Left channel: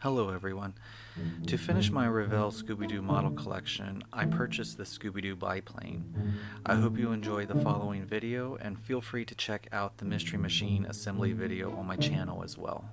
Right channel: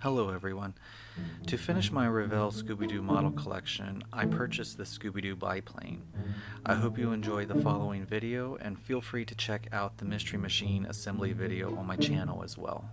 Hello everyone. To finish my Revell Scooby-Doo model collection, I purchased the Scooby-Doo biplane. I hope you enjoy the following video and feel free to check out the Mystery Machine assembly video on my channel as well.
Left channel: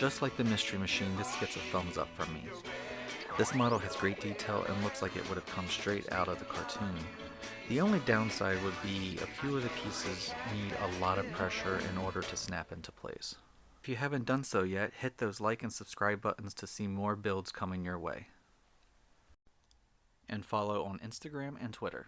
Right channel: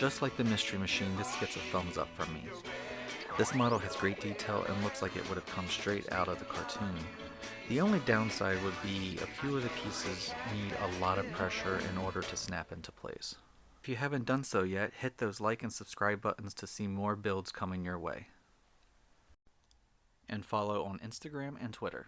Just like the Mystery Machine, this gets a thumbs up from me. This model has great detail and looks like it would have come straight out of the cartoon. The only downside would be a few of the pieces need a lot of pressure in order to snap into place. If you haven't done so yet, hit those like and subscribe buttons to see more builds coming your way. And follow on Instagram and Twitter.